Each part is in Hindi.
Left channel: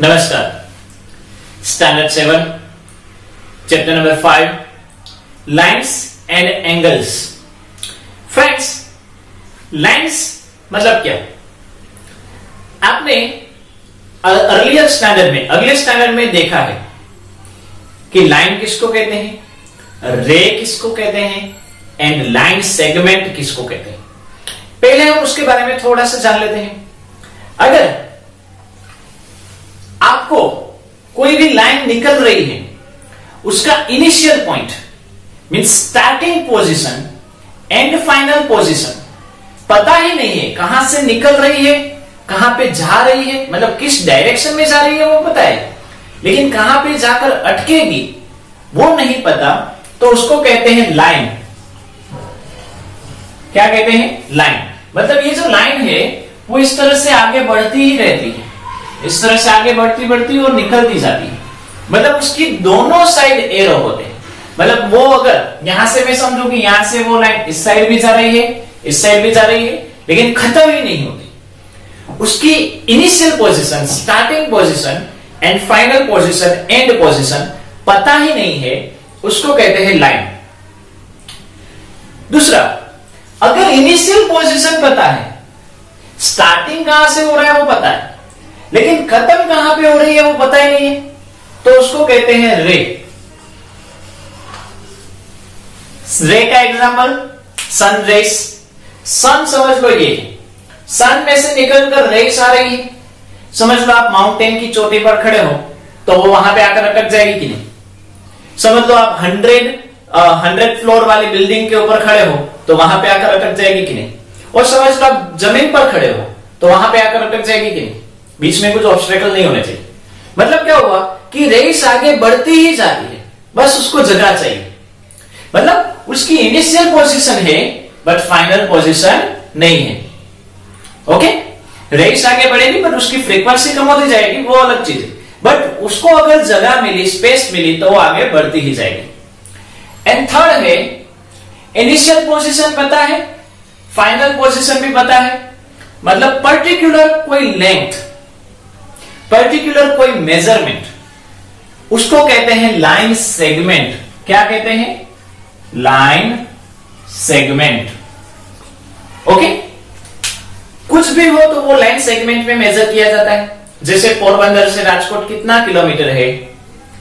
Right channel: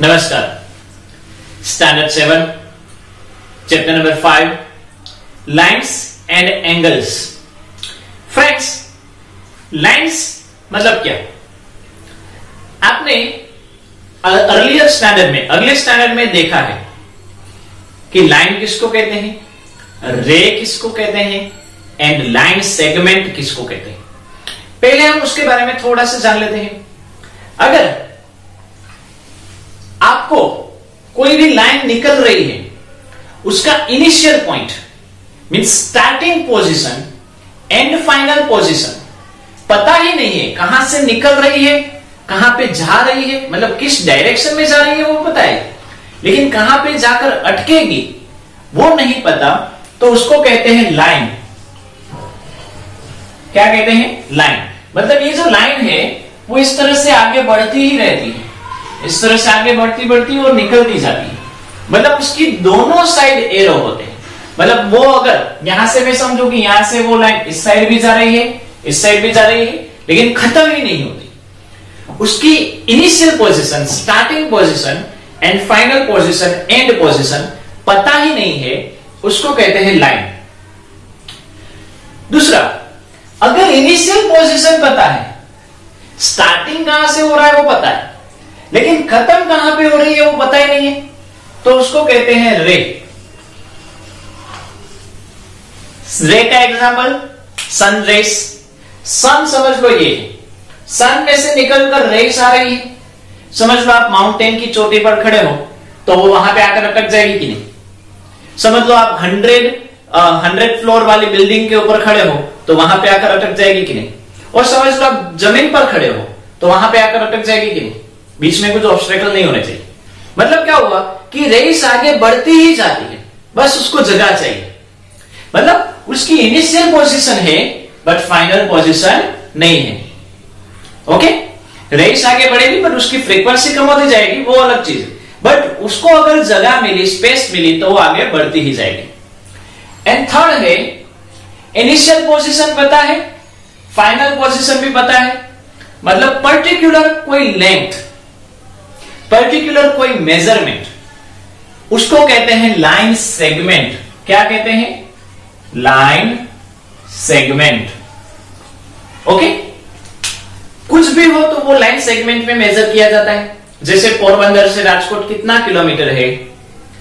नमस्कार। Standard 7 chapter number 5 lines and angles. Friends, lines मतलब क्या? आपने अर्लियर स्टैंडर्ड में अगले स्टैंडर्ड में देखा है कि लाइन किसको कहते हैं, रे किसको कहते हैं एंड लाइन सेगमेंट किसको कहते हैं। पहले हम उसके बारे में थोड़ा सा जान लेते हैं। अगर आपको कोई भी लाइन निकल रही है, उसका initial point means starting position and final position पता ही नहीं है, कहां से निकल रही है, कहां पे जा रही है, मतलब किस डायरेक्शन में जा रही है वो पता है, लेकिन कहां पे जाकर अटकेगी वो नहीं पता, तो उसको कहते हैं लाइन। क्या कहते हैं? लाइन। मतलब ये जो लाइन है वो इस तरह से आगे बढ़ती ही रहती है, इस तरह से आगे बढ़ती बढ़ती और निकलती जाती है। मतलब उसकी दोनों साइड एरो होते हैं। मतलब वो अगर यहां से मैं समझू कि यहां से वो लाइन इस साइड भी जा रही है, इस साइड भी जा रही है, लेकिन खत्म ही नहीं होती। उसकी initial position, starting position and final position, and position पता ही नहीं है, उसको कहते हैं लाइन। दूसरा, अगर इनिशियल पोजीशन पता है, स्टार्टिंग कहां से हो रहा है वो पता है, लेकिन खत्म कहां पे हो रही है वो पता ही नहीं है, तो उसको कहते हैं रे। रे का एग्जांपल सन रेस। सन समझ लो, ये सन में से निकलकर रेस आ रही है। समझ लो आप माउंटेन की चोटी पर खड़े हो तो वो वहां पे आकर अटक जाएगी कि नहीं। समझ लो आप 100 फ्लोर वाली बिल्डिंग के ऊपर खड़े हो तो वहां पे आकर अटक जाएगी कि नहीं। और समझ लो आप जमीन पर खड़े हो तो वहां पे आकर अटक जाएगी कि नहीं। बीच में कुछ ऑब्स्टेकल नहीं होने चाहिए। मतलब क्या हुआ कि रेस आगे बढ़ती ही जाती है, बस उसको जगह चाहिए। मतलब उसकी इनिशियल पोजीशन है बट फाइनल पोजीशन नहीं है। ओके, रेस आगे बढ़ेगी बट उसकी फ्रीक्वेंसी कम होती जाएगी, वो अलग चीज है, बट उसको अगर जगह मिली, स्पेस मिली तो वो आगे बढ़ती ही जाएगी। एंड थर्ड है, इनिशियल पोजीशन पता है, फाइनल पोजीशन भी पता है। मतलब पर्टिकुलर कोई लेंथ, पर्टिकुलर कोई मेजरमेंट, उसको कहते हैं लाइन सेगमेंट। क्या कहते हैं? Line segment. ओके, कुछ भी हो तो वो लाइन सेगमेंट में मेजर किया जाता है। जैसे पोरबंदर से राजकोट कितना किलोमीटर है?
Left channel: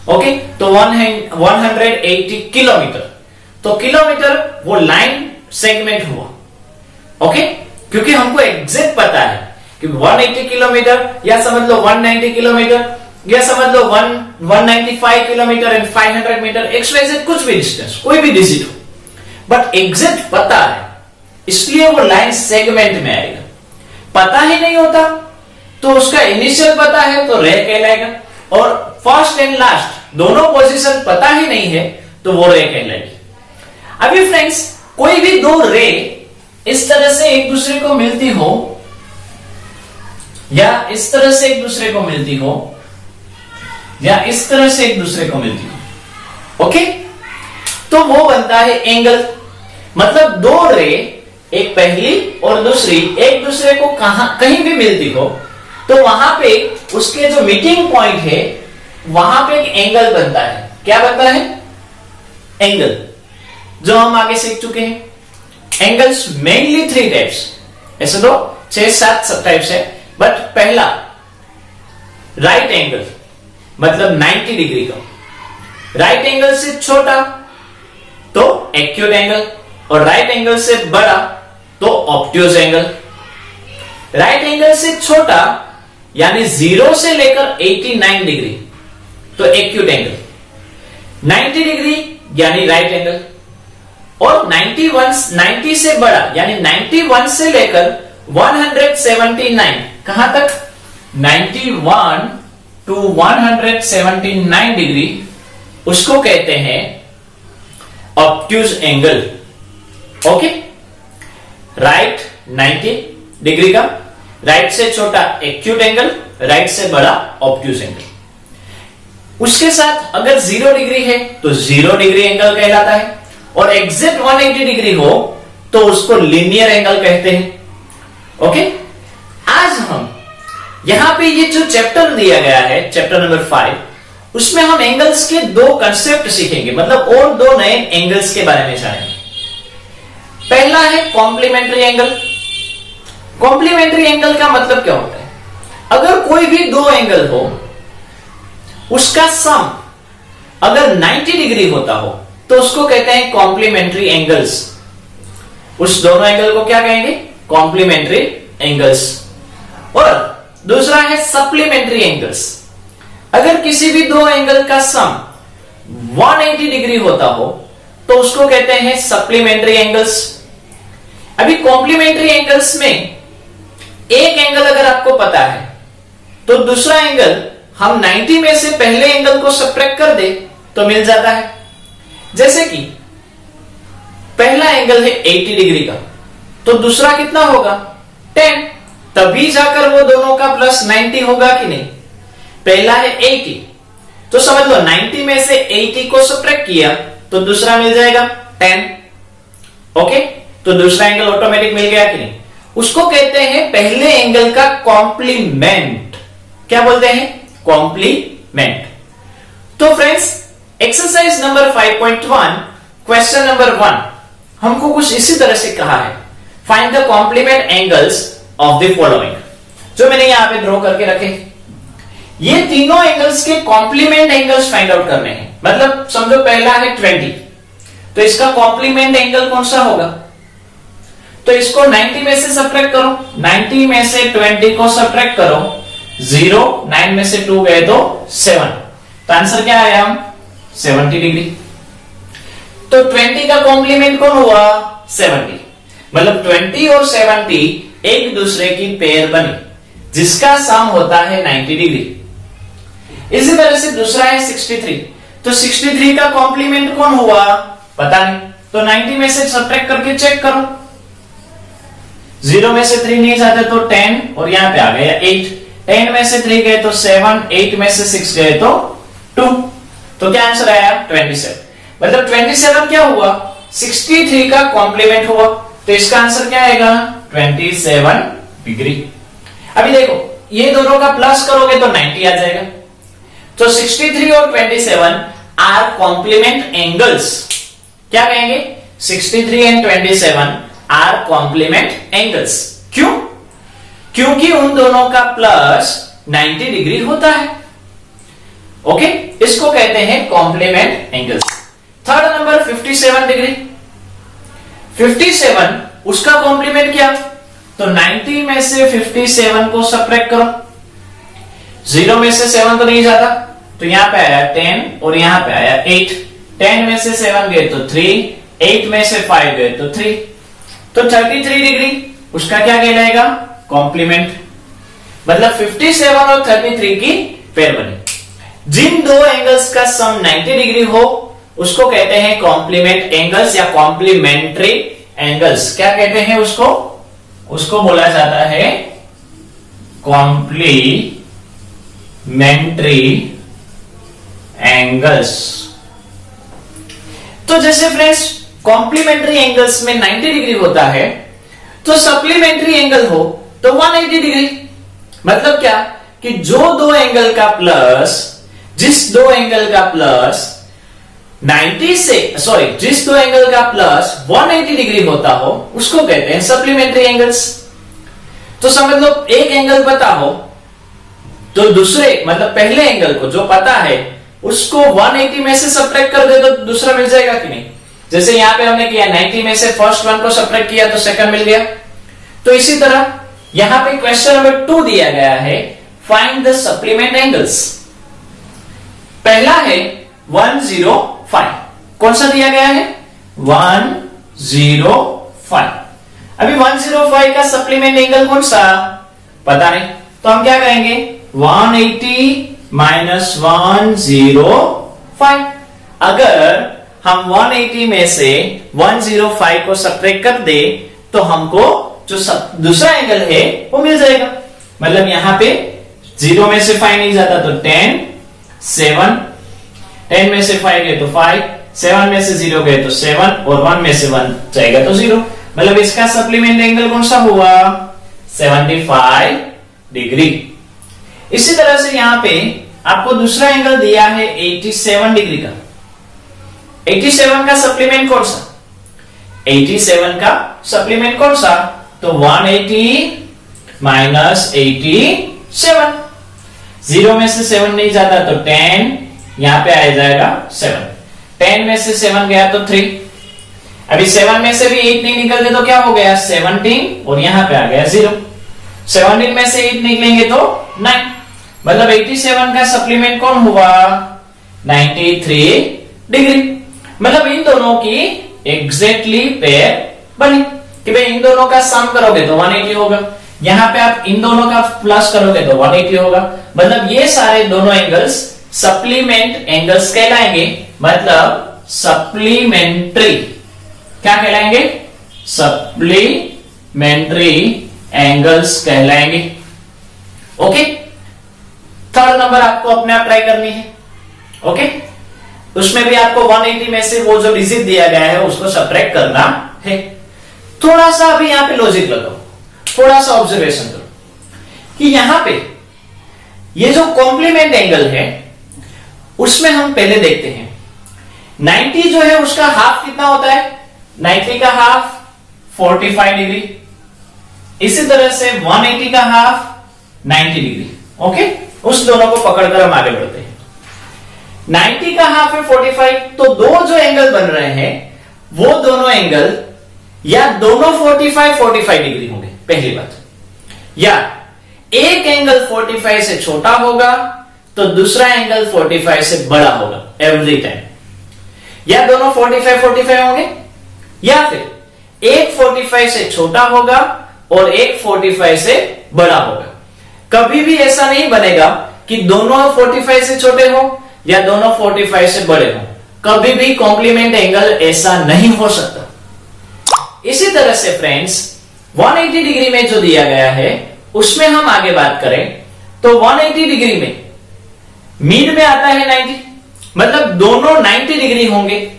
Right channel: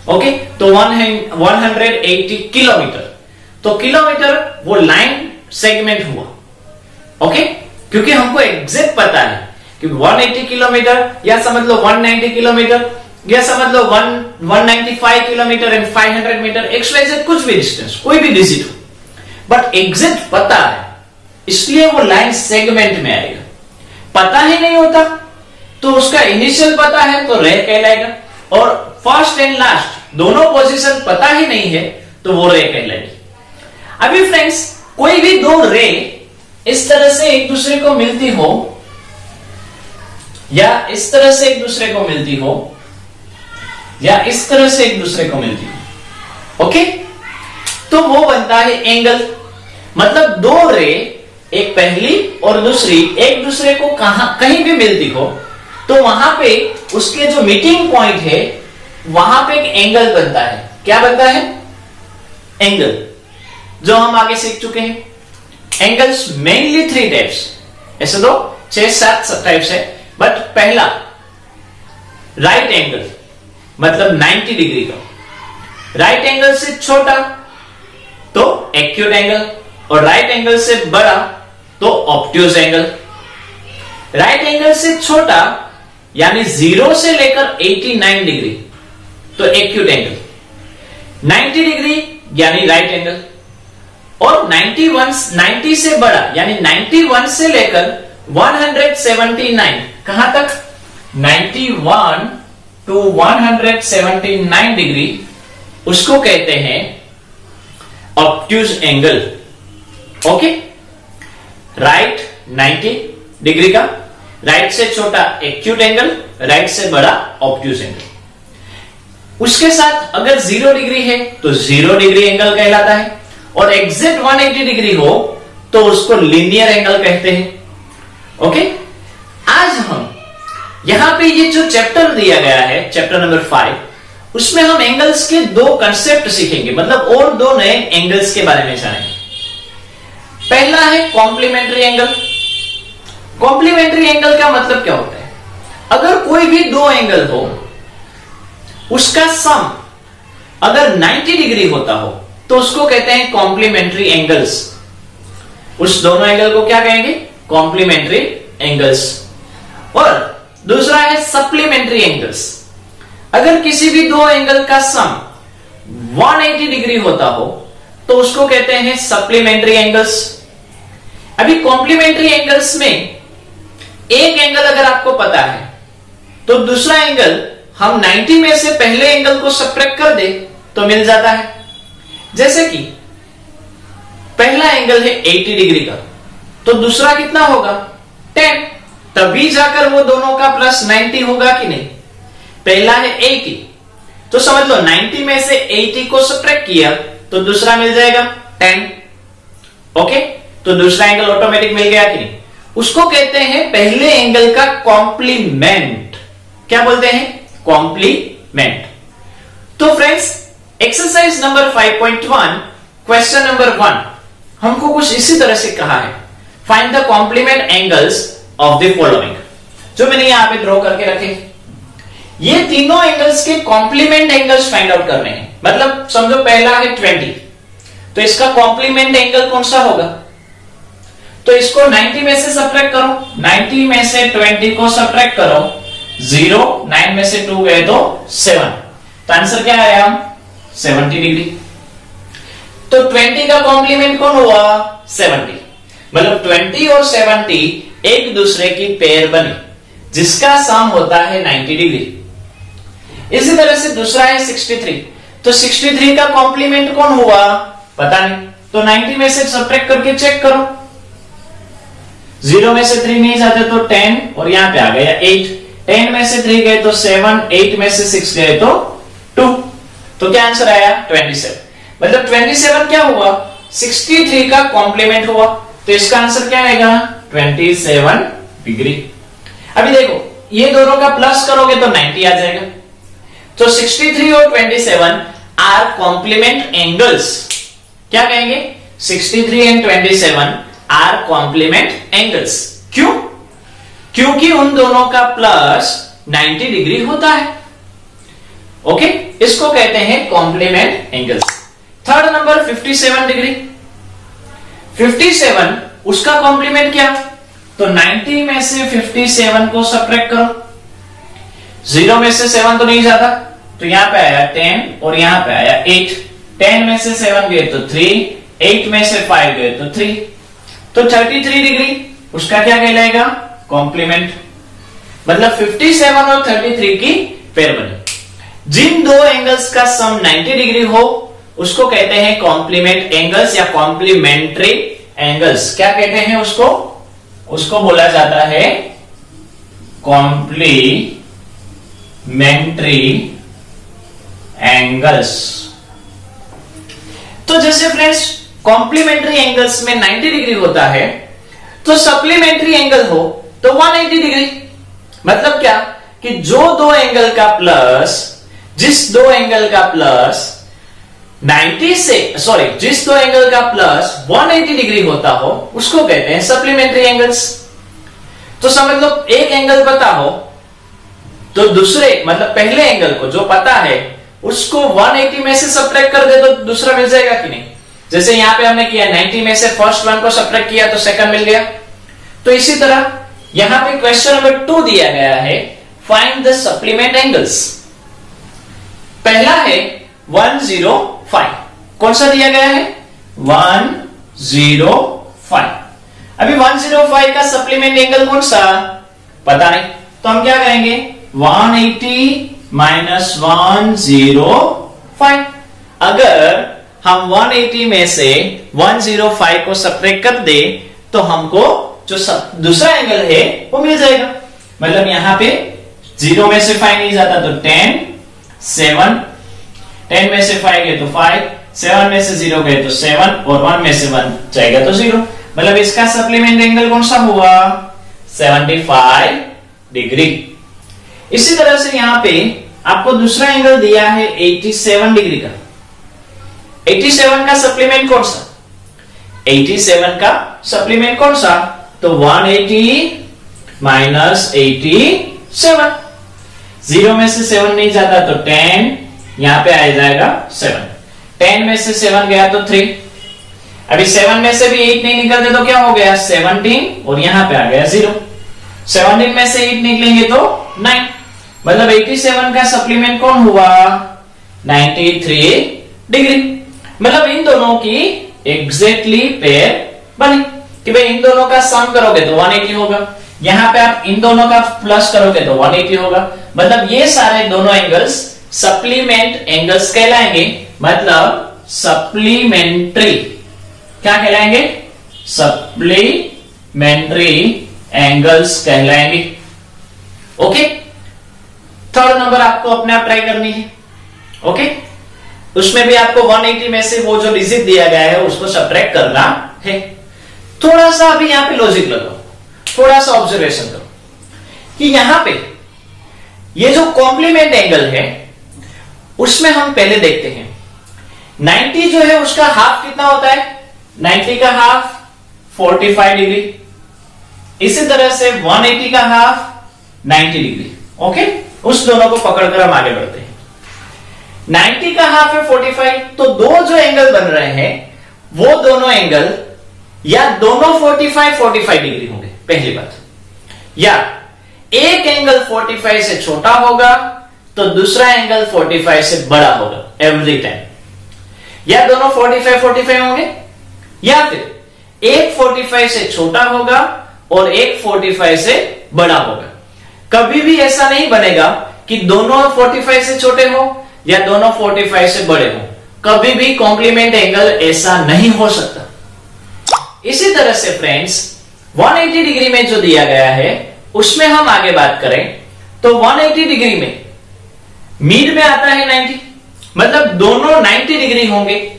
ओके, तो 180 किलोमीटर। तो किलोमीटर वो लाइन सेगमेंट हुआ। ओके, क्योंकि हमको एग्जैक्ट पता है कि 180 किलोमीटर, या समझ लो 190 किलोमीटर, या समझ लो 195 किलोमीटर एंड 500 मीटर, XYZ कुछ भी डिस्टेंस, कोई भी डिजिट हो, बट एग्जैक्ट पता है, इसलिए वो लाइन सेगमेंट में आएगा। पता ही नहीं होता तो उसका इनिशियल पता है तो रे कहलाएगा, और फर्स्ट एंड लास्ट दोनों पोजीशन पता ही नहीं है तो वो रे कहलाएगी। अभी फ्रेंड्स, कोई भी दो रे इस तरह से एक दूसरे को मिलती हो, या इस तरह से एक दूसरे को मिलती हो, या इस तरह से एक दूसरे को मिलती हो, ओके, तो वो बनता है एंगल। मतलब दो रे, एक पहली और दूसरी, एक दूसरे को कहीं भी मिलती हो तो वहां पे उसके जो मीटिंग पॉइंट है वहां पे एक एंगल बनता है। क्या बनता है? एंगल, जो हम आगे सीख चुके हैं। एंगल्स मेनली 3 टाइप्स, ऐसे तो 6-7 टाइप्स है, बट पहला राइट एंगल, मतलब 90 डिग्री का। राइट एंगल से छोटा तो एक्यूट एंगल, और राइट एंगल से बड़ा तो ऑब्ट्यूज एंगल। राइट एंगल से छोटा यानी 0 से लेकर 89 डिग्री तो एक्यूट एंगल। 90 डिग्री यानी राइट एंगल, और 90 से बड़ा यानी 91 से लेकर 179, कहां तक? 91 to 179 डिग्री, उसको कहते हैं obtuse angle. Okay, right 90 degree का, राइट से छोटा एक्यूट एंगल, राइट से बड़ा ऑब्ट्यूज एंगल। उसके साथ अगर 0 डिग्री है तो 0 डिग्री एंगल कहलाता है, और एग्जैक्ट 180 डिग्री हो तो उसको लीनियर एंगल कहते हैं। ओके, आज हम यहां पे ये जो चैप्टर दिया गया है, चैप्टर नंबर 5, उसमें हम एंगल्स के दो कंसेप्ट सीखेंगे, मतलब और दो नए एंगल्स के बारे में जानेंगे। पहला है कॉम्प्लीमेंट्री एंगल। कॉम्प्लीमेंट्री एंगल का मतलब क्या होता है? अगर कोई भी दो एंगल हो, उसका सम अगर 90 डिग्री होता हो तो उसको कहते हैं कॉम्प्लीमेंट्री एंगल्स। उस दोनों एंगल को क्या कहेंगे? Complementary angles. और दूसरा है सप्लीमेंट्री एंगल्स। अगर किसी भी दो एंगल का सम 180 डिग्री होता हो तो उसको कहते हैं सप्लीमेंट्री एंगल्स। अभी कॉम्प्लीमेंट्री एंगल्स में एक एंगल अगर आपको पता है तो दूसरा एंगल हम 90 में से पहले एंगल को सब्ट्रैक्ट कर दे तो मिल जाता है। जैसे कि पहला एंगल है 80 डिग्री का, तो दूसरा कितना होगा? 10। तभी जाकर वो दोनों का प्लस 90 होगा कि नहीं? पहला है 80, तो समझ लो 90 में से 80 को सब्ट्रैक्ट किया तो दूसरा मिल जाएगा 10। ओके, तो दूसरा एंगल ऑटोमेटिक मिल गया कि नहीं? उसको कहते हैं पहले एंगल का कॉम्प्लीमेंट। क्या बोलते हैं? कॉम्प्लीमेंट। तो friends, exercise number 5.1 question number 1 हमको कुछ इसी तरह से कहा है, find the complement angles of the following. जो मैंने यहां पे ड्रॉ करके रखे, ये तीनों एंगल्स के कॉम्प्लीमेंट एंगल्स फाइंड आउट करने हैं। मतलब समझो पहला है 20, तो इसका कॉम्प्लीमेंट एंगल कौन सा होगा? तो इसको 90 में से सब्ट्रैक्ट करो, 90 में से 20 को सब्ट्रैक्ट करो, 0, 9 में से 2 गए तो 7, तो आंसर क्या आया? 70 डिग्री। तो 20 का कॉम्प्लीमेंट कौन हुआ? 70। मतलब 20 और 70 एक दूसरे की पेयर बनी, जिसका सम होता है 90 डिग्री। इसी तरह से दूसरा है 63, तो 63 का कॉम्प्लीमेंट कौन हुआ? पता नहीं, तो 90 में से सब्ट्रैक्ट करके चेक करो। 0 में से 3 नहीं जाते तो 10, और यहां पे आ गया 8, 10 में से 3 गए तो 7, 8 में से 6 गए तो 2, तो क्या आंसर आया? 27। मतलब 27 क्या हुआ? 63 का कॉम्प्लीमेंट हुआ, तो इसका आंसर क्या आएगा? 27 डिग्री। अभी देखो, ये दोनों का प्लस करोगे तो 90 आ जाएगा। तो 63 और 27 आर कॉम्प्लीमेंट एंगल्स। क्या कहेंगे? 63 एंड 27 आर कॉम्प्लीमेंट एंगल्स। क्यों? क्योंकि उन दोनों का प्लस 90 डिग्री होता है। ओके, इसको कहते हैं complement angles. Third number 57 degree. 57 उसका कॉम्प्लीमेंट क्या? तो 90 में से 57 को सब्ट्रैक्ट करो, 0 में से 7 तो नहीं जाता, तो यहां पे आया 10 और यहां पे आया 8। 10 में से 7 गए तो 3, 8 में से 5 गए तो 3, तो 33 डिग्री उसका क्या कहलाएगा? कॉम्प्लीमेंट। मतलब 57 और 33 की पेयर बनी। जिन दो एंगल्स का सम 90 डिग्री हो उसको कहते हैं कॉम्प्लीमेंट एंगल्स या कॉम्प्लीमेंट्री एंगल्स। क्या कहते हैं उसको? उसको बोला जाता है कॉम्प्लीमेंट्री एंगल्स। तो जैसे फ्रेंड्स कॉम्प्लीमेंट्री एंगल्स में 90 डिग्री होता है, तो सप्लीमेंट्री एंगल हो तो 180 डिग्री। मतलब क्या कि जो दो एंगल का प्लस, जिस दो एंगल का प्लस 90 से जिस दो एंगल का प्लस 180 डिग्री होता हो उसको कहते हैं सप्लीमेंट्री एंगल्स। तो समझ लो एक एंगल पता हो तो दूसरे मतलब पहले एंगल को जो पता है उसको 180 में से सब्ट्रैक्ट कर दे तो दूसरा मिल जाएगा कि नहीं? जैसे यहां पे हमने किया 90 में से फर्स्ट वन को सब्ट्रैक्ट किया तो सेकंड मिल गया। तो इसी तरह यहां पे क्वेश्चन नंबर 2 दिया गया है, फाइंड द सप्लीमेंट एंगल्स। पहला है 105। कौन सा दिया गया है? 105। अभी 105 का सप्लीमेंट एंगल कौन सा? पता नहीं, तो हम क्या कहेंगे? 180 माइनस 105। अगर हम 180 में से 105 को सब्ट्रैक्ट कर दे तो हमको जो दूसरा एंगल है वो मिल जाएगा। मतलब यहां पे 0 में से 5 नहीं जाता तो 10, 7, 10 में से 5 गए तो 5, 7 में से 0 गए तो 7 और 1 में से 1 जाएगा तो 0। मतलब इसका सप्लीमेंट एंगल कौन सा हुआ? 75 डिग्री। इसी तरह से यहां पे आपको दूसरा एंगल दिया है 87 डिग्री का। 87 का सप्लीमेंट कौन सा? 87 का सप्लीमेंट कौन सा? तो 180 माइनस 87, 0 में से 7 नहीं जाता तो 10, यहां पे आ जाएगा 7, 10 में से 7 गया तो 3, अभी 7 में से भी 8 नहीं निकलते तो क्या हो गया 17, और यहां पे आ गया 0, 17 में से 8 निकलेंगे तो 9, मतलब 87 का सप्लीमेंट कौन हुआ 93 डिग्री। मतलब इन दोनों की एग्जैक्टली पेयर बनी कि भाई इन दोनों का सम करोगे तो 180 होगा, यहां पे आप इन दोनों का प्लस करोगे तो 180 होगा। मतलब ये सारे दोनों एंगल्स सप्लीमेंट एंगल्स कहलाएंगे, मतलब सप्लीमेंट्री क्या कहलाएंगे? सप्लीमेंट्री एंगल्स कहलाएंगे। ओके, थर्ड नंबर आपको अपने आप ट्राई करनी है। ओके, उसमें भी आपको 180 में से वो जो डिजिट दिया गया है उसको सब्ट्रैक्ट करना है। थोड़ा सा अभी यहां पे लॉजिक लगाओ, थोड़ा सा ऑब्जर्वेशन करो कि यहां पे ये जो कॉम्प्लीमेंट एंगल है उसमें हम पहले देखते हैं 90 जो है उसका हाफ कितना होता है? 90 का हाफ 45 डिग्री, इसी तरह से 180 का हाफ 90 डिग्री। ओके, उस दोनों को पकड़कर हम आगे बढ़ते हैं। 90 का हाफ है 45, तो दो जो एंगल बन रहे हैं वो दोनों एंगल या दोनों 45 डिग्री होंगे, पहली बात, या एक एंगल 45 से छोटा होगा तो दूसरा एंगल 45 से बड़ा होगा एवरी टाइम, या दोनों 45 होंगे, या फिर एक 45 से छोटा होगा और एक 45 से बड़ा होगा। कभी भी ऐसा नहीं बनेगा कि दोनों 45 से छोटे हो या दोनों 45 से बड़े हो, कभी भी कॉम्प्लीमेंट एंगल ऐसा नहीं हो सकता। इसी तरह से फ्रेंड्स 180 डिग्री में जो दिया गया है उसमें हम आगे बात करें तो 180 डिग्री में मीड में आता है 90, मतलब दोनों 90 डिग्री होंगे,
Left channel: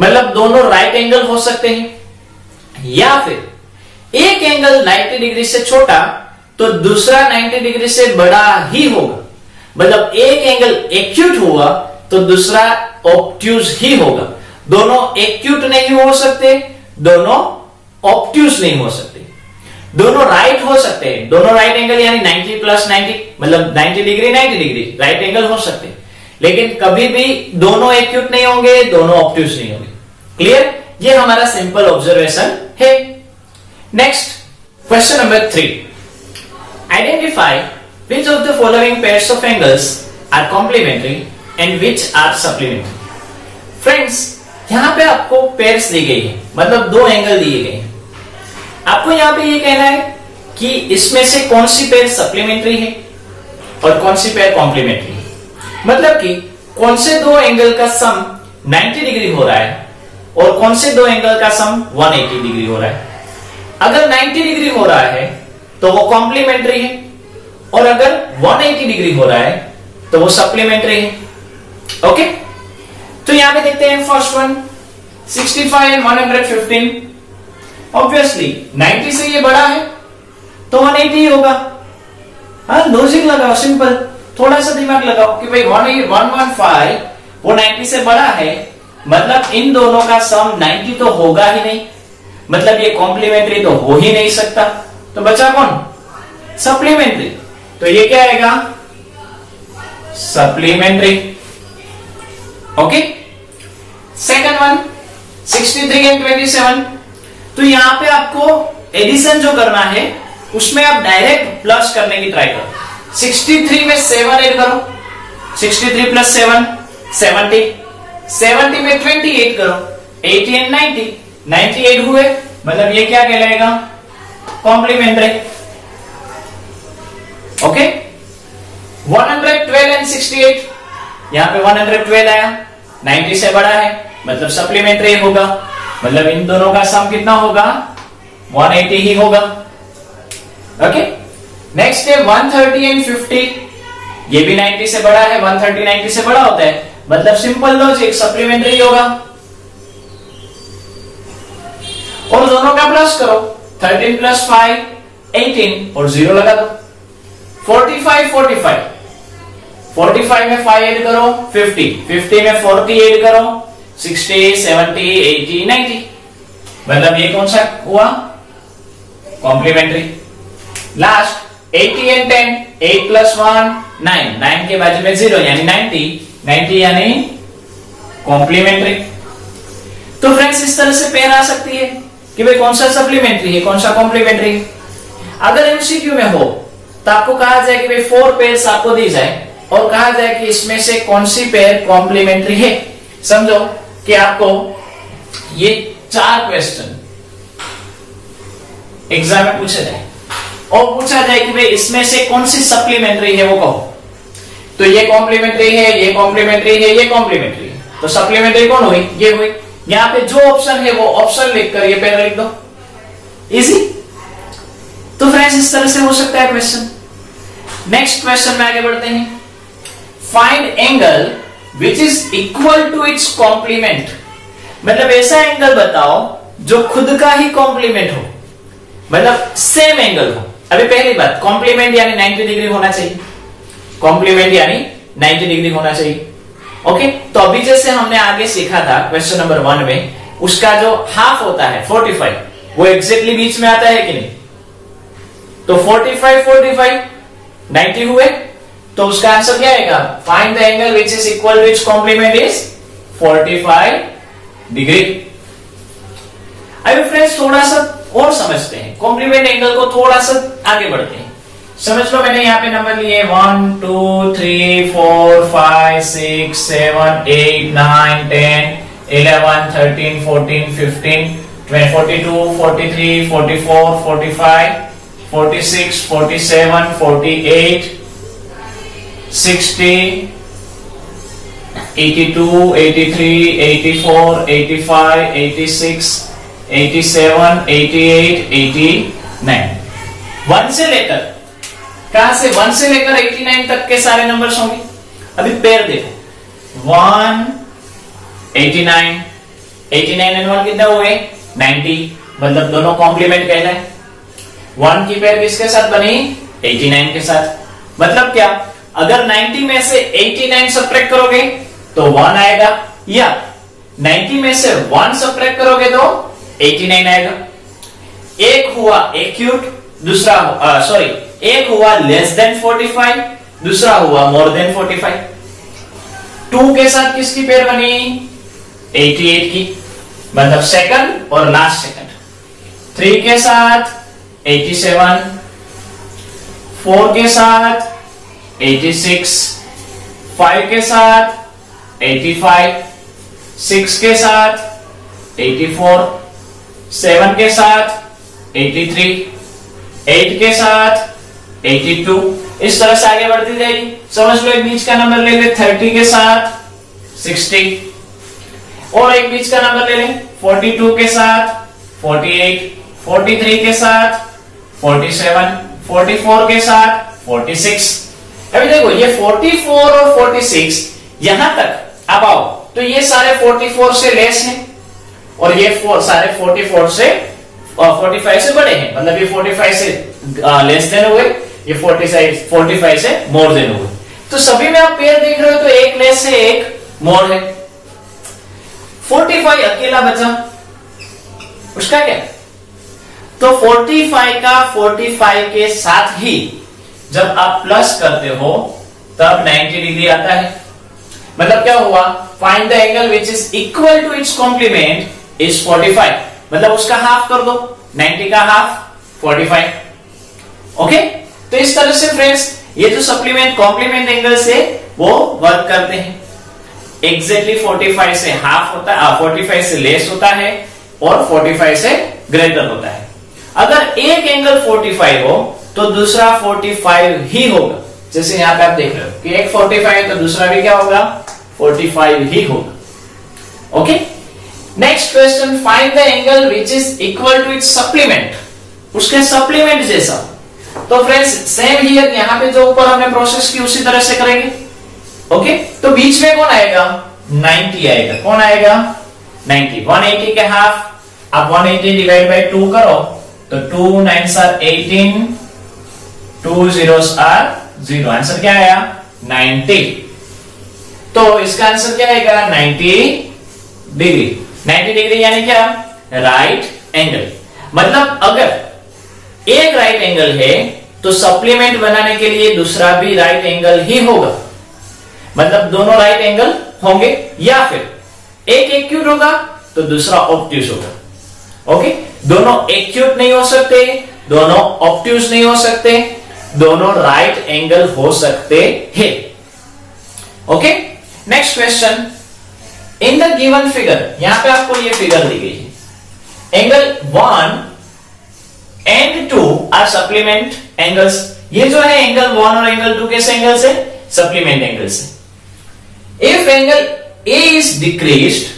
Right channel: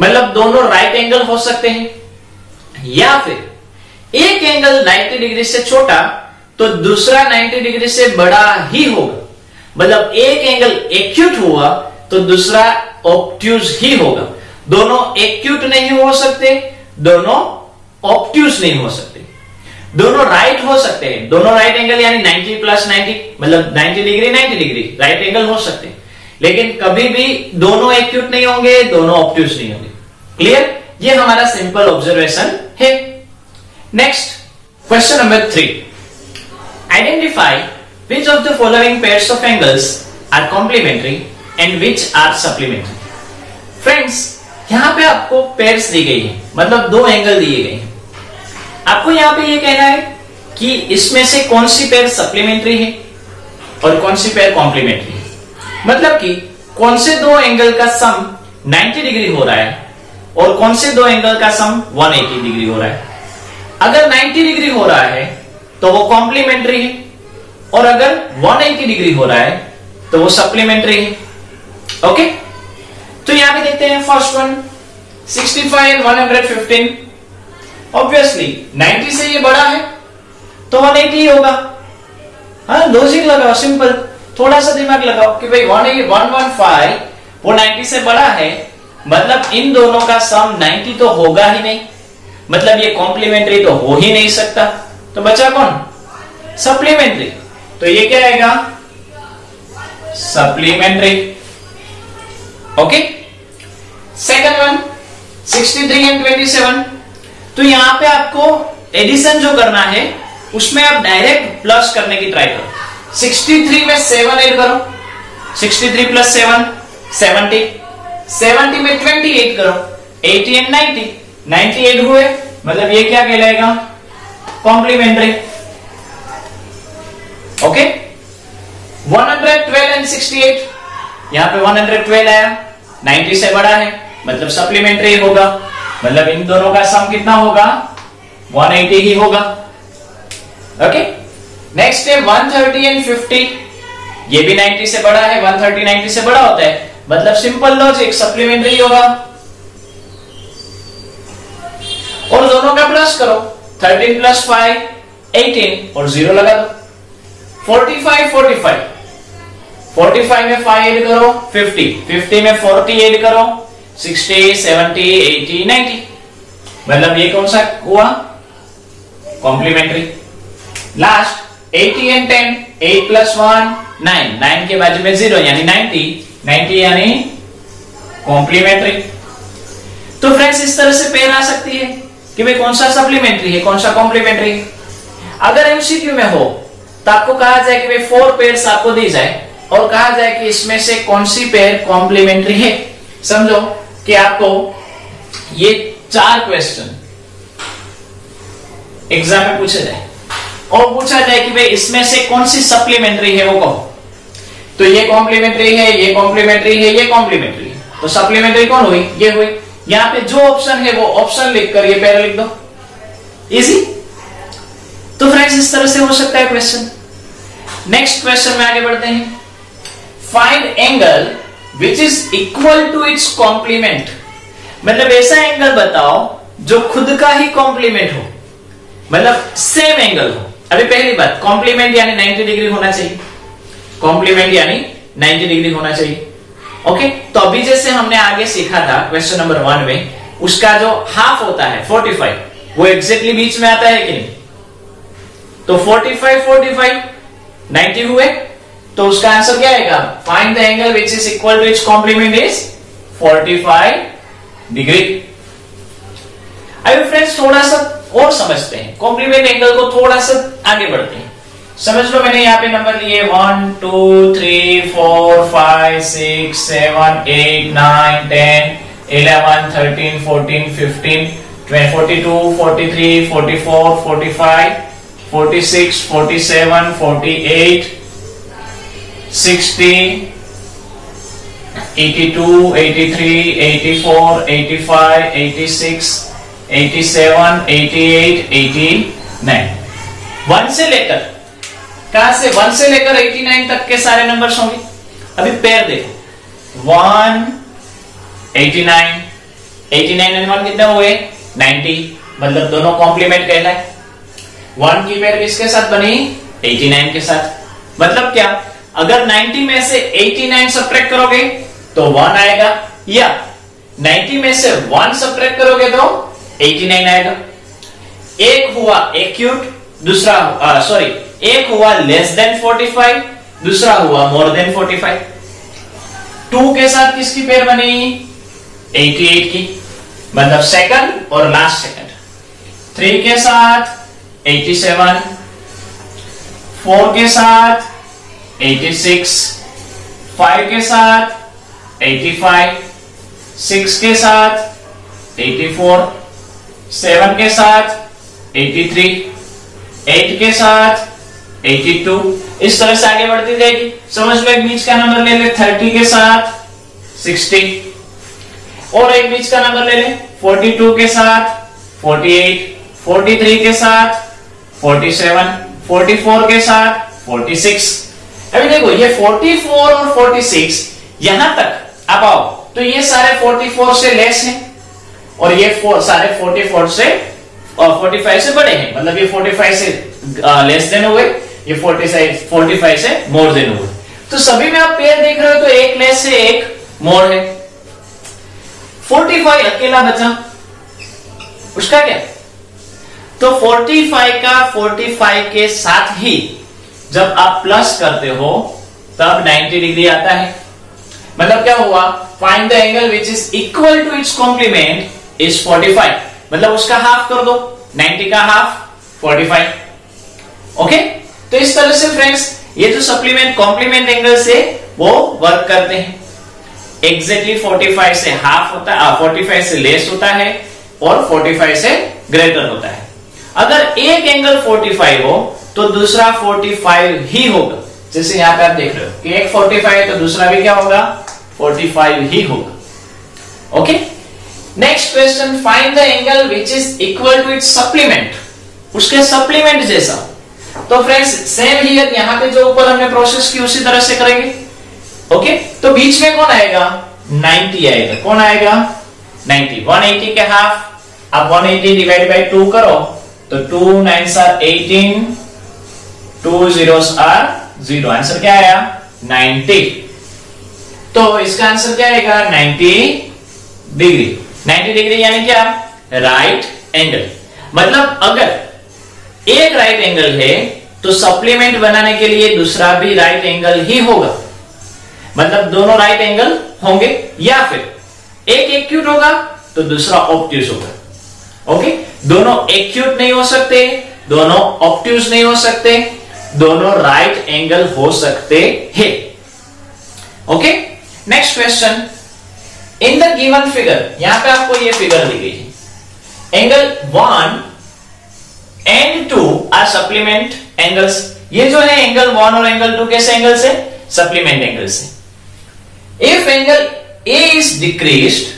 मतलब दोनों राइट एंगल हो सकते हैं, या फिर एक एंगल 90 डिग्री से छोटा तो दूसरा 90 डिग्री से बड़ा ही होगा, मतलब एक एंगल एक्यूट हुआ तो दूसरा ऑब्ट्यूज ही होगा। दोनों एक्यूट नहीं हो सकते, दोनों ऑब्ट्यूज नहीं हो सकते, दोनों राइट हो सकते हैं, दोनों राइट एंगल यानी 90 प्लस 90 मतलब 90 डिग्री राइट एंगल हो सकते हैं, लेकिन कभी भी दोनों एक्यूट नहीं होंगे, दोनों ऑब्ट्यूज नहीं होंगे। क्लियर? ये हमारा सिंपल ऑब्जर्वेशन है। Next question number 3, identify which of the following pairs of angles are complementary and which are supplementary। Friends यहां पे आपको पेयर्स दी गई है, मतलब दो एंगल दिए गए हैं, आपको यहां पे ये कहना है कि इसमें से कौन सी पेयर सप्लीमेंट्री है और कौन सी पेयर कॉम्प्लीमेंट्री है, मतलब कि कौन से दो एंगल का सम 90 डिग्री हो रहा है और कौन से दो एंगल का सम 180 डिग्री हो रहा है। अगर 90 डिग्री हो रहा है तो वो कॉम्प्लीमेंट्री है, और अगर 180 डिग्री हो रहा है तो वो सप्लीमेंट्री है। ओके, तो यहां पे देखते हैं फर्स्ट वन 65 एंड 115। ऑब्वियसली 90 से ये बड़ा है तो 180 ही होगा। हाँ, लॉजिक लगाओ, सिंपल, थोड़ा सा दिमाग लगाओ कि भाई 115 वो 90 से बड़ा है, मतलब इन दोनों का सम 90 तो होगा ही नहीं, मतलब ये कॉम्प्लीमेंट्री तो हो ही नहीं सकता, तो बचा कौन? सप्लीमेंट्री। तो ये क्या आएगा? Supplementary. Okay, second one 63 and 27। तो यहां पे आपको एडिशन जो करना है उसमें आप डायरेक्ट प्लस करने की ट्राई करो। 63 में 7 ऐड करो, 63 प्लस 7 70, 70 में 28 करो, 80 एंड 90, 98 हुए, मतलब ये क्या कहलाएगा? कॉम्प्लीमेंट्री। ओके, 112 एंड 68, यहां पे 112 आया, 90 से बड़ा है, मतलब सप्लीमेंट्री होगा, मतलब इन दोनों का सम कितना होगा? 180 ही होगा। ओके, नेक्स्ट है 130 एंड 50, ये भी 90 से बड़ा है, 130 90 से बड़ा होता है, मतलब सिंपल लॉजिक सप्लीमेंट्री होगा। और दोनों का प्लस करो, 13 प्लस 5 18 और 0 लगा दो, 45 45 45 में 5 ऐड करो 50 50 में 40 ऐड करो 60 70 80 90। मतलब ये कौन सा हुआ? कॉम्प्लीमेंट्री। लास्ट 80 एंड 10 8 प्लस 1 9 9 के बाजू में 0 यानी 90 90 यानी कॉम्प्लीमेंट्री। तो फ्रेंड्स इस तरह से पेयर आ सकती है कि भाई कौन सा सप्लीमेंट्री है कौन सा कॉम्प्लीमेंट्री है। अगर एमसीक्यू में हो तो आपको कहा जाए कि भाई 4 पेयर्स आपको दी जाए और कहा जाए कि इसमें से कौन सी पेयर कॉम्प्लीमेंट्री है। समझो कि आपको ये 4 क्वेश्चन एग्जाम में पूछे जाए और पूछा जाए कि भाई इसमें से कौन सी सप्लीमेंट्री है वो कहो। तो ये कॉम्प्लीमेंट्री है ये कॉम्प्लीमेंट्री है ये कॉम्प्लीमेंट्री है, तो सप्लीमेंट्री कौन हुई? ये हुई। यहां पे जो ऑप्शन है वो ऑप्शन लिखकर ये पेयर लिख दो, इजी। तो फ्रेंड्स इस तरह से हो सकता है क्वेश्चन। नेक्स्ट क्वेश्चन में आगे बढ़ते हैं। Find angle which is equal to its complement. मतलब ऐसा एंगल बताओ जो खुद का ही कॉम्प्लीमेंट हो, मतलब सेम एंगल हो। अभी पहली बात कॉम्प्लीमेंट यानी 90 डिग्री होना चाहिए, कॉम्प्लीमेंट यानी 90 डिग्री होना चाहिए। ओके, तो अभी जैसे हमने आगे सीखा था क्वेश्चन नंबर 1 में, उसका जो हाफ होता है 45 वो एग्जैक्टली बीच में आता है कि नहीं? तो 45 45 90 हुए, तो उसका आंसर क्या आएगा? Find the angle which is equal to its complement is 45 degree. अभी फ्रेंड्स थोड़ा सा और समझते हैं, कॉम्प्लीमेंट एंगल को थोड़ा सा आगे बढ़ते हैं। समझ लो मैंने यहाँ पे नंबर लिए 1 2 3 4 5 6 7 8 9 10 11 13 14 15 42 43 44 45 46 47 48 60 82 83 84 85 86 87 88 89। 1 से लेकर कहां से? 1 से लेकर 89 तक के सारे नंबर्स होंगे। अभी पेयर देखो 1 89 89 एंड 1 कितने हुए? 90, मतलब दोनों कॉम्प्लीमेंट कहना है। 1 की पेयर किसके साथ बनी? 89 के साथ। मतलब क्या? अगर 90 में से 89 सब्ट्रैक्ट करोगे तो 1 आएगा, या 90 में से 1 सब्ट्रैक्ट करोगे तो 89 आएगा। एक हुआ एक्यूट, दूसरा सॉरी एक हुआ लेस देन 45, दूसरा हुआ मोर देन 45। 2 के साथ किसकी पेयर बनी? 88 की, मतलब सेकंड और लास्ट सेकंड। 3 के साथ 87, 4 के साथ 86, 5 के साथ 85, 6 के साथ 84, 7 के साथ 83, 8 के साथ 82। इस तरह से आगे बढ़ती जाएगी। समझ लो एक बीच का नंबर ले ले 30 के साथ 60, और एक बीच का नंबर ले ले 42 के साथ 48, 43 के साथ 47, 44 के साथ 46। अभी देखो ये 44 और 46 यहां तक अब आओ तो ये सारे 44 से लेस हैं और ये सारे 44 से 45 से बड़े हैं, मतलब ये 45 से लेस देन हुए, ये 45 से मोर देन हुए। तो सभी में आप पेयर देख रहे हो तो एक लेस है एक मोर है। 45 अकेला बचा, उसका क्या? तो 45 का 45 के साथ ही जब आप प्लस करते हो तब 90 डिग्री आता है। मतलब क्या हुआ? Find the angle which is equal to its complement is 45, मतलब उसका हाफ कर दो, 90 का हाफ 45। ओके, तो इस तरह से फ्रेंड्स ये जो सप्लीमेंट कॉम्प्लीमेंट एंगल्स है वो वर्क करते हैं। एग्जैक्टली 45 से हाफ होता है, 45 से लेस होता है और 45 से ग्रेटर होता है। अगर एक एंगल 45 हो तो दूसरा 45 ही होगा। जैसे यहां पे आप देख रहे हो कि एक 45 है तो दूसरा भी क्या होगा? 45 ही होगा। Okay, next question, find the angle which is equal to its supplement, उसके सप्लीमेंट जैसा। तो फ्रेंड्स सेम हियर, यहां पे जो ऊपर हमने प्रोसेस की उसी तरह से करेंगे। ओके, तो बीच में कौन आएगा? 90 आएगा। कौन आएगा? 90। 180 के हाफ आप 180 डिवाइड बाय 2 करो तो 2 9s are 18, 2 zeros are 0। Answer क्या आया 90। तो इसका आंसर क्या आएगा 90 डिग्री। 90 डिग्री यानी क्या राइट एंगल। मतलब अगर एक राइट एंगल है तो सप्लीमेंट बनाने के लिए दूसरा भी राइट एंगल ही होगा। मतलब दोनों राइट एंगल होंगे, या फिर एक एक्यूट होगा तो दूसरा ऑब्ट्यूज होगा। ओके, दोनों एक्यूट नहीं हो सकते, दोनों ऑब्ट्यूज नहीं हो सकते, दोनों राइट एंगल हो सकते हैं। Okay, next question. In the given figure, यहां पे आपको ये फिगर दी गई है। Angle 1 and 2 are supplement angles. ये जो है एंगल 1 और एंगल 2 कैसे एंगल से सप्लीमेंट एंगल से। If angle A is decreased,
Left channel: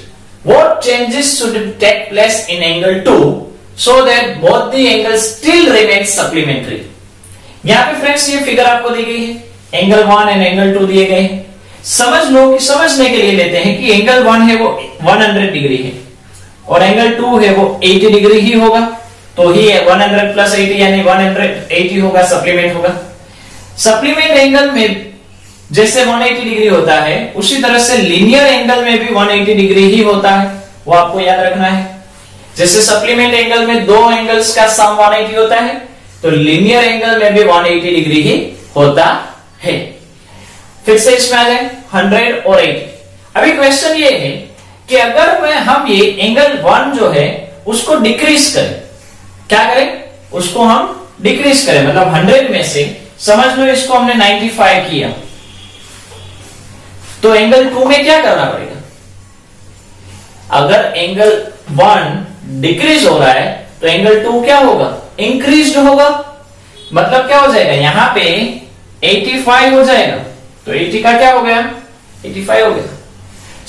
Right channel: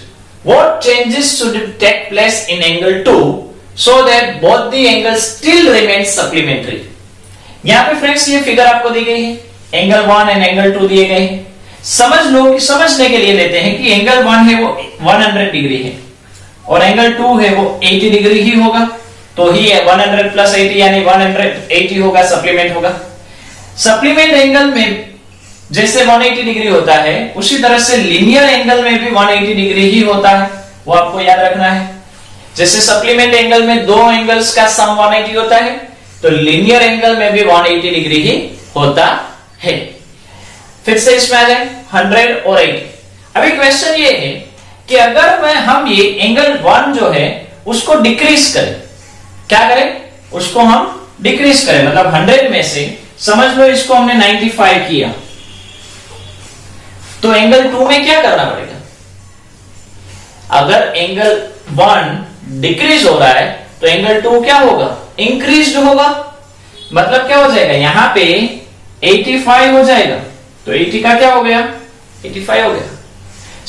what changes should take place in angle 2 so that both the angles still remain supplementary? यहां पे फ्रेंड्स ये फिगर आपको दी गई है, एंगल 1 एंड एंगल 2 दिए गए हैं। समझ लो कि समझने के लिए लेते हैं कि एंगल 1 है वो 100 डिग्री है और एंगल 2 है वो 80 डिग्री ही होगा। तो ही 100 प्लस 80 यानी 180 होगा, सप्लीमेंट होगा। सप्लीमेंट एंगल में जैसे 180 डिग्री होता है उसी तरह से लीनियर एंगल में भी 180 डिग्री ही होता है, वो आपको याद रखना है। जैसे सप्लीमेंट एंगल में दो एंगल्स का सम 180 होता है तो लीनियर एंगल में भी 180 डिग्री ही होता है। फिर से इसमें आ जाए 100 और 80। अभी क्वेश्चन ये है कि अगर हम ये एंगल 1 जो है उसको डिक्रीज करें, क्या करें उसको हम डिक्रीज करें, मतलब 100 में से समझ लो इसको हमने 95 किया, तो एंगल 2 में क्या करना पड़ेगा। अगर एंगल 1 डिक्रीज हो रहा है तो एंगल 2 क्या होगा इंक्रीज होगा। मतलब क्या हो जाएगा, यहां पे 85 हो जाएगा तो 80 का क्या हो गया 85 हो गया।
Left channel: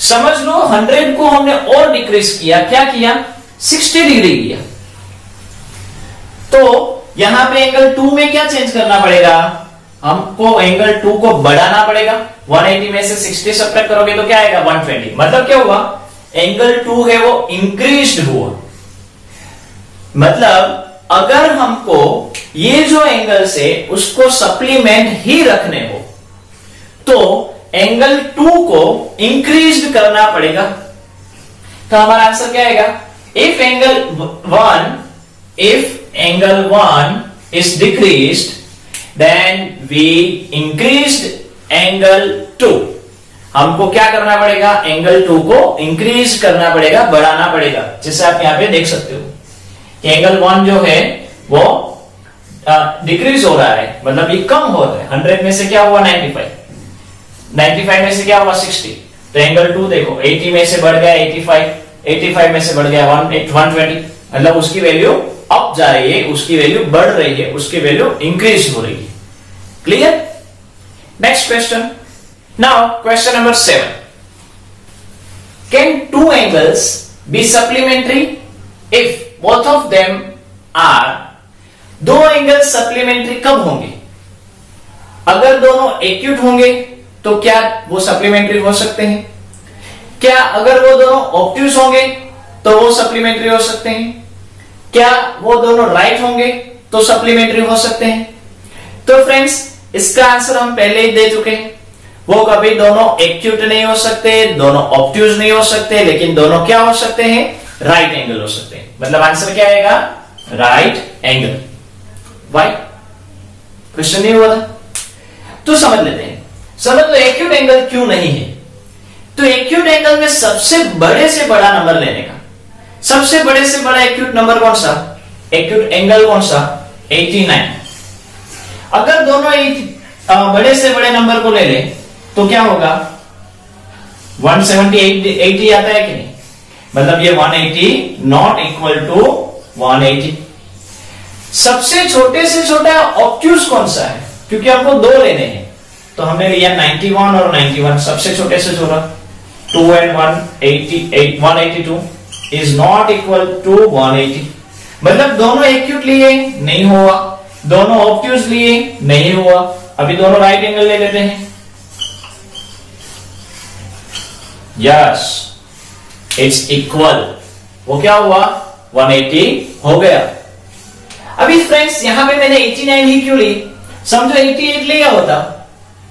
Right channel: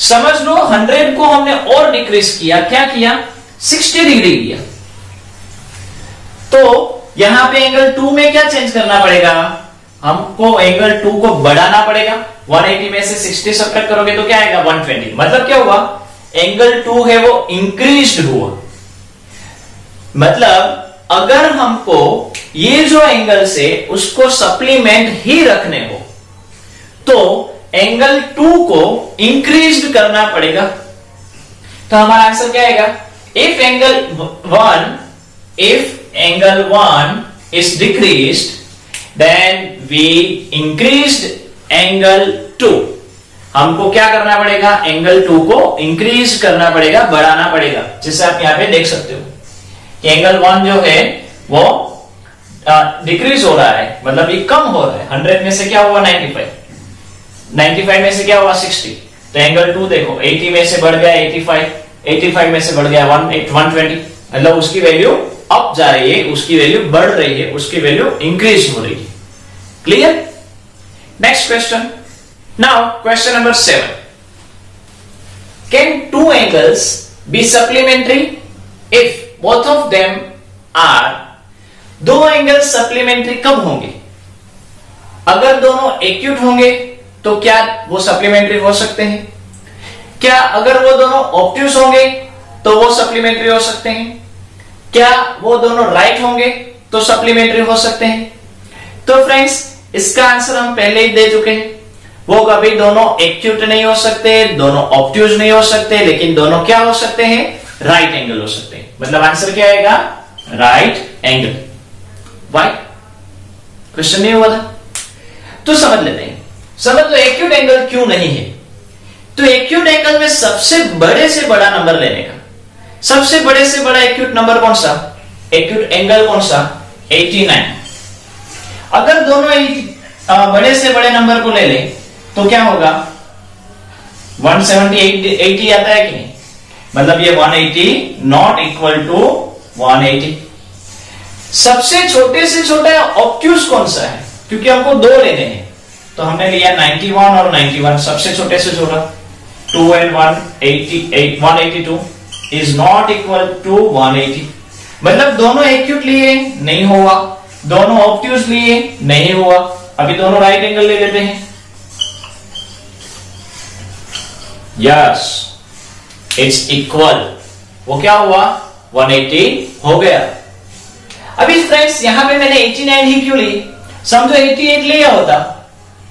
समझ लो 100 को हमने और डिक्रीज किया, क्या किया 60 डिग्री किया। तो यहां पे एंगल 2 में क्या चेंज करना पड़ेगा, हमको एंगल 2 को बढ़ाना पड़ेगा। 180 में से 60 सब्ट्रैक्ट करोगे तो क्या आएगा 120। मतलब क्या हुआ एंगल 2 है वो इंक्रीज्ड हुआ। मतलब अगर हमको ये जो एंगल से उसको सप्लीमेंट ही रखने हो तो एंगल 2 को इंक्रीज्ड करना पड़ेगा। तो हमारा आंसर क्या आएगा, if angle 1 is decreased then we increased angle 2। हमको क्या करना पड़ेगा एंगल 2 को इंक्रीज करना पड़ेगा, बढ़ाना पड़ेगा। जैसे आप यहां पे देख सकते हो एंगल 1 जो है वो डिक्रीज हो रहा है, मतलब ये कम हो रहा है। 100 में से क्या हुआ 95 में से क्या हुआ 60। तो एंगल 2 देखो 80 में से बढ़ गया 85 में से बढ़ गया 120। मतलब उसकी वैल्यू अप जा रही है, उसकी वैल्यू बढ़ रही है, उसकी वैल्यू इंक्रीज हो रही है। Clear. Next question. Now question number 7। Can two angles be supplementary if both of them are. दो एंगल सप्लीमेंट्री कब होंगे, अगर दोनों एक्यूट होंगे तो क्या वो सप्लीमेंट्री हो सकते हैं। क्या अगर वो दोनों ऑब्ट्यूज होंगे तो वो सप्लीमेंट्री हो सकते हैं। क्या वो दोनों राइट होंगे तो सप्लीमेंट्री हो सकते हैं। तो फ्रेंड्स इसका आंसर हम पहले ही दे चुके हैं, वो कभी दोनों एक्यूट नहीं हो सकते, दोनों ऑब्ट्यूज नहीं हो सकते, लेकिन दोनों क्या हो सकते हैं राइट एंगल हो सकते हैं। मतलब आंसर क्या आएगा राइट एंगल। वाई क्वेश्चन नहीं हुआ था तो समझ लेते हैं। समझ लो एक्यूट एंगल क्यों नहीं है। तो एक्यूट एंगल में सबसे बड़े से बड़ा नंबर लेने का, सबसे बड़े से बड़ा एक्यूट नंबर कौन सा, एक्यूट एंगल कौन सा 89। अगर दोनों बड़े से बड़े नंबर को ले ले तो क्या होगा 170 80 आता है कि नहीं। मतलब ये 180 नॉट इक्वल टू 180। सबसे छोटे से छोटा ऑब्ट्यूज कौन सा है, क्योंकि हमको दो लेने हैं तो हमने लिया 91 और 91। सबसे छोटे से छोटा 2 and 182 is not equal to 180। मतलब दोनों एक्यूट लिए नहीं हुआ, दोनों ऑब्ट्यूज लिए नहीं हुआ। अभी दोनों राइट एंगल ले लेते हैं। यस इट्स इक्वल, वो क्या हुआ 180 हो गया। अभी फ्रेंड्स यहां पे मैंने 89 ही क्यों ली, समझो 88 लिया होता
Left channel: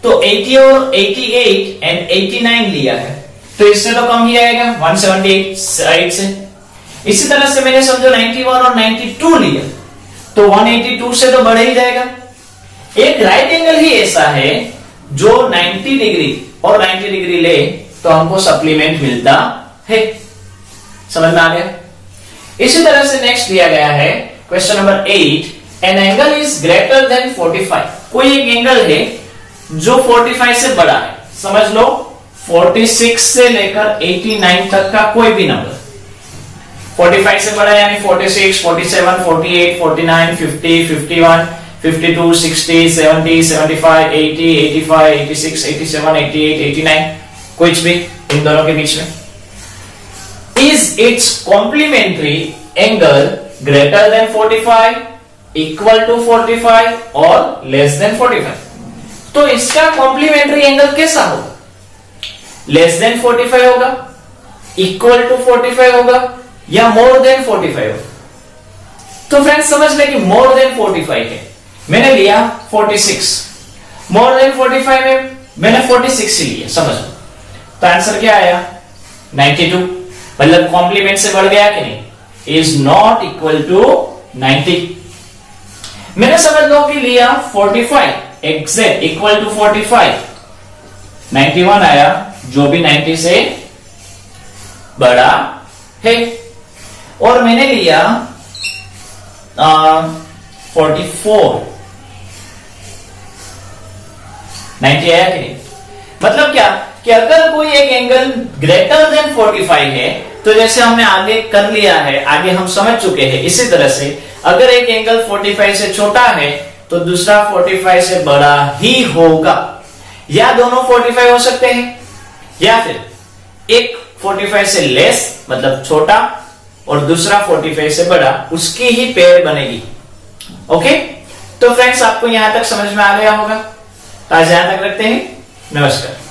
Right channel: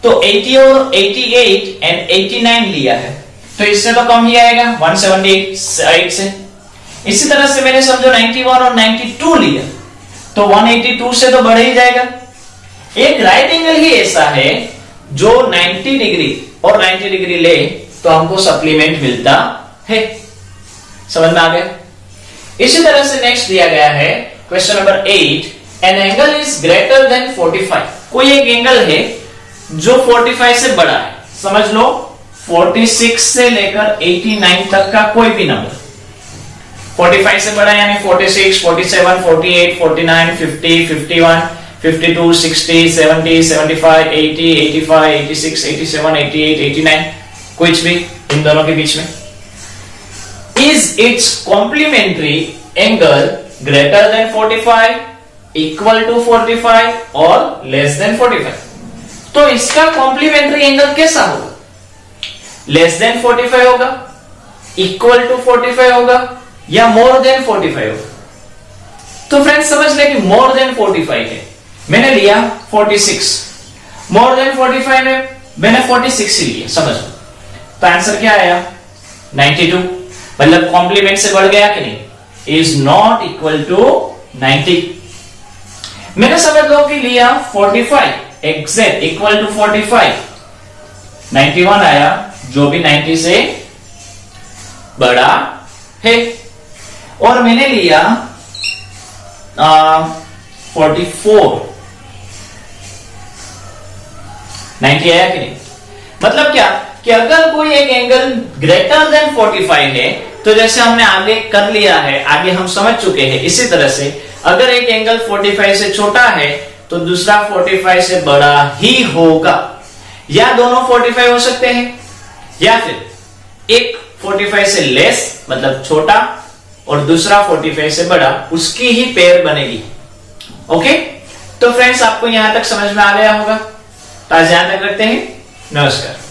तो 80 और 88 एंड 89 लिया है, तो इससे तो कम ही आएगा 178 से। इसी तरह से मैंने समझो 91 और 92 लिया तो 182 से तो बढ़ ही जाएगा। एक राइट एंगल ही ऐसा है जो 90 डिग्री और 90 डिग्री ले तो हमको सप्लीमेंट मिलता है। समझ में आ गया। इसी तरह से नेक्स्ट दिया गया है question number 8, an angle is greater than 45। कोई एक एंगल है जो 45 से बड़ा है। समझ लो 46 से लेकर 89 तक का कोई भी नंबर 45 से बड़ा है, यानी 46, 47, 48, 49, 50, 51, 52, 60, 70, 75, 80, 85, 86, 87, 88, 89, कुछ भी इन दोनों के बीच में। Is its complementary angle greater than 45, equal to 45 और लेस देन 45। तो इसका कॉम्प्लीमेंट्री एंगल कैसा होगा? लेस देन 45 होगा, इक्वल टू 45 होगा या मोर देन 45 होगा? तो फ्रेंड्स समझ ले कि मोर देन 45 है, मैंने लिया 46, मोर देन 45 है, मैंने 46 लिया। समझ लो तो आंसर क्या आया 92, मतलब कॉम्प्लीमेंट से बढ़ गया कि नहीं? Is not equal to 90। मैंने समझ लो कि लिया 45 एग्जैक्ट इक्वल टू 45, 91 आया जो भी 90 से बड़ा है। और मैंने लिया 44, 90 आया कि नहीं? मतलब क्या कि अगर कोई एक एंगल ग्रेटर देन 45 है तो जैसे हमने आगे कर लिया है, आगे हम समझ चुके हैं, इसी तरह से अगर एक एंगल 45 से छोटा है तो दूसरा 45 से बड़ा ही होगा, या दोनों 45 हो सकते हैं या फिर एक 45 से लेस मतलब छोटा और दूसरा 45 से बड़ा, उसकी ही पेयर बनेगी। ओके, तो फ्रेंड्स आपको यहां तक समझ में आ गया होगा, तो आज यहां तक रखते हैं। नमस्कार।